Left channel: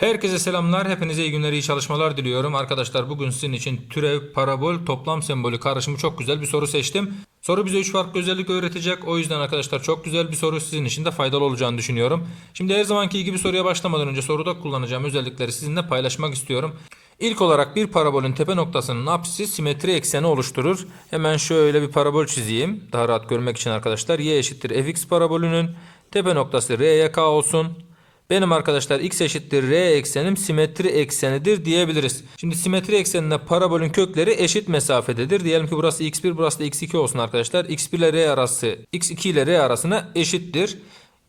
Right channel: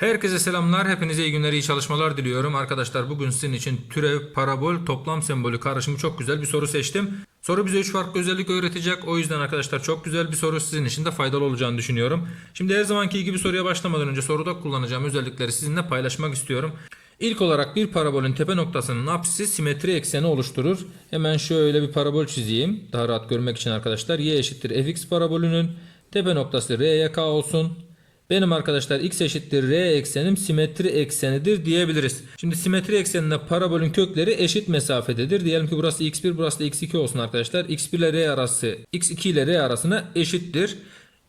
Herkese selamlar. Hepinize iyi günler, iyi çalışmalar diliyorum. Arkadaşlar bugün sizin için türev, parabol, toplam sembolü karışımı çok güzel bir soru seçtim. Soru bize 3 farklı özellik öğretecek. O yüzden arkadaşlar çok güzel bir soru sizin için de faydalı olacağını düşünüyorum. Şimdi her zamanki gibi soruya başlamadan önce soruda kullanacağım özellikleri sizinle paylaşmak istiyorum. İlk olarak bir parabolün tepe noktasının apsisi simetri ekseni oluşturur. Hemen şöyle bir parabol çizeyim. Daha rahat görmek için arkadaşlar. Y eşittir fx parabolünün tepe noktası r k olsun. Benim arkadaşlar x eşittir r eksenim simetri eksenidir diyebiliriz. Şimdi simetri eksenine parabolün kökleri eşit mesafededir. Diyelim ki burası x1 burası da x2 olsun arkadaşlar. x1 ile r arası x2 ile r arasına eşittir.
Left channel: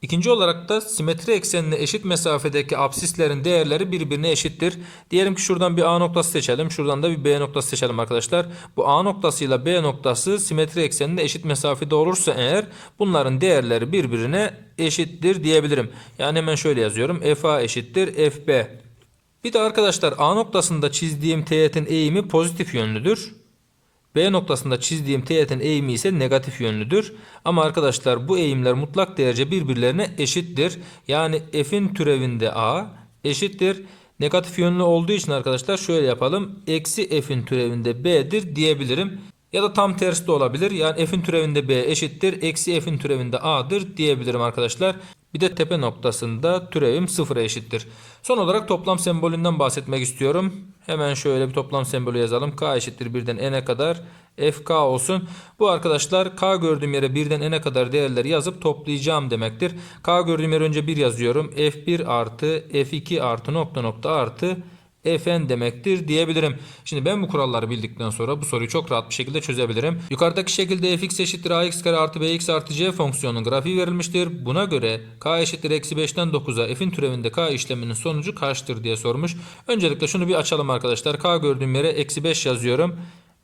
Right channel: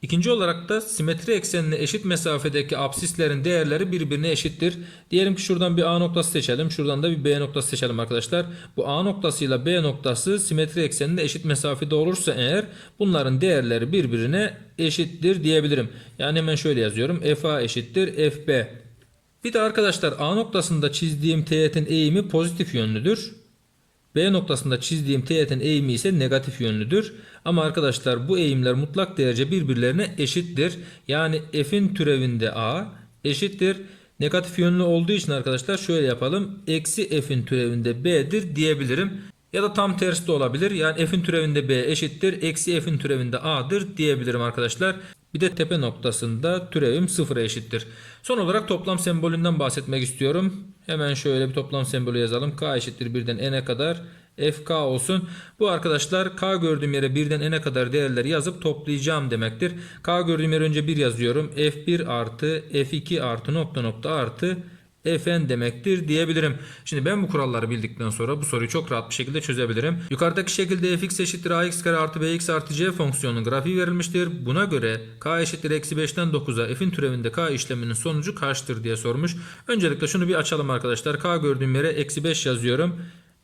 İkinci olarak da simetri eksenine eşit mesafedeki absislerin değerleri birbirine eşittir. Diyelim ki şuradan bir A noktası seçelim. Şuradan da bir B noktası seçelim arkadaşlar. Bu A noktasıyla B noktası simetri ekseninde eşit mesafede olursa eğer bunların değerleri birbirine eşittir diyebilirim. Yani hemen şöyle yazıyorum. FA eşittir FB. Bir de arkadaşlar A noktasında çizdiğim teğetin eğimi pozitif yönlüdür. B noktasında çizdiğim teğetin eğimi ise negatif yönlüdür. Ama arkadaşlar bu eğimler mutlak derece birbirlerine eşittir. Yani f'in türevinde a eşittir. Negatif yönlü olduğu için arkadaşlar şöyle yapalım. Eksi f'in türevinde b'dir diyebilirim. Ya da tam tersi de olabilir. Yani f'in türevinde b eşittir. Eksi f'in türevinde a'dır diyebilirim arkadaşlar. Bir de tepe noktasında türevim sıfıra eşittir. Son olarak toplam sembolünden bahsetmek istiyorum. Hemen şöyle bir toplam sembolü yazalım. K eşittir birden n'e kadar fk olsun. Bu arkadaşlar k gördüğüm yere birden n'e kadar değerleri yazıp toplayacağım demektir. K gördüğüm yere önce 1 yazıyorum. f1 artı f2 artı nokta nokta artı fn demektir diyebilirim. Şimdi ben bu kuralları bildikten sonra bu soruyu çok rahat bir şekilde çözebilirim. Yukarıdaki şekilde fx eşittir ax kare artı bx artı c fonksiyonunun grafiği verilmiştir. Buna göre k eşittir eksi 5'ten 9'a f'in türevinde k işleminin sonucu kaçtır diye sormuş. Öncelikle şunu bir açalım arkadaşlar. k gördüğüm yere eksi 5 yazıyorum.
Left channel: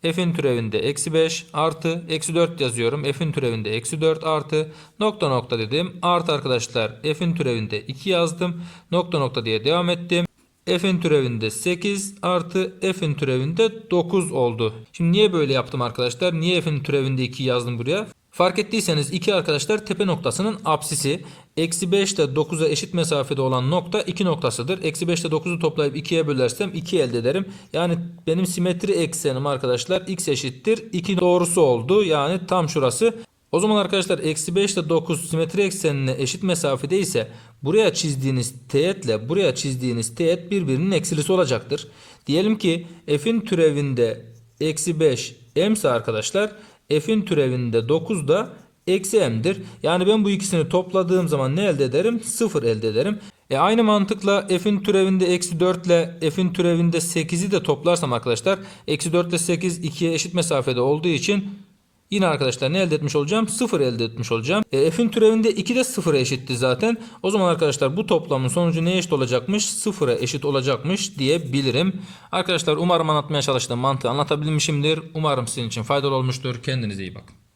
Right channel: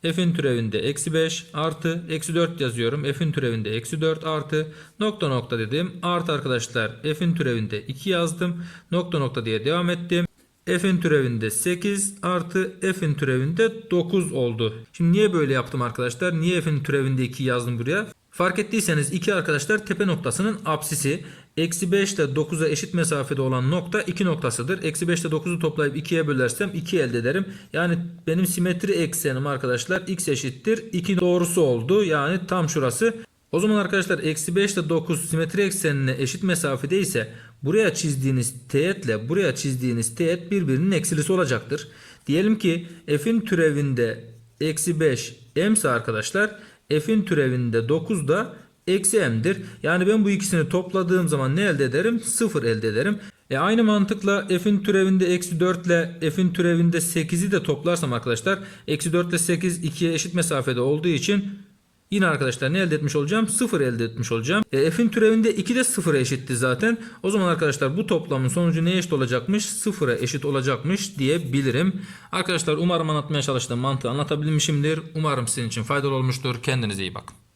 F'in türevinde eksi 5 artı eksi 4 yazıyorum. F'in türevinde eksi 4 artı nokta nokta dedim. Artı arkadaşlar F'in türevinde 2 yazdım. Nokta nokta diye devam ettim. F'in türevinde 8 artı F'in türevinde 9 oldu. Şimdi niye böyle yaptım arkadaşlar? Niye F'in türevinde 2 yazdım buraya? Fark ettiyseniz 2 arkadaşlar tepe noktasının apsisi. Eksi 5 ile 9'a eşit mesafede olan nokta 2 noktasıdır. Eksi 5 ile 9'u toplayıp 2'ye bölersem 2 elde ederim. Yani benim simetri eksenim arkadaşlar x eşittir 2 doğrusu oldu. Yani tam şurası. O zaman arkadaşlar eksi 5 ile 9 simetri eksenine eşit mesafede ise buraya çizdiğiniz teğetle buraya çizdiğiniz teğet birbirinin eksilisi olacaktır. Diyelim ki f'in türevinde eksi 5 m ise arkadaşlar f'in türevinde 9 da eksi m'dir. Yani ben bu ikisini topladığım zaman ne elde ederim? 0 elde ederim. E aynı mantıkla f'in türevinde eksi 4 ile f'in türevinde 8'i de toplarsam arkadaşlar eksi 4 ile 8 2'ye eşit mesafede olduğu için Yine arkadaşlar ne elde etmiş olacağım? 0 elde etmiş olacağım. E, f'in türevinde 2 de 0'a eşitti zaten. O zaman arkadaşlar bu toplamın sonucu neye eşit olacakmış? 0'a eşit olacakmış diyebilirim. Arkadaşlar umarım anlatmaya çalıştığım mantığı anlatabilmişimdir. Umarım sizin için faydalı olmuştur. Kendinize iyi bakın.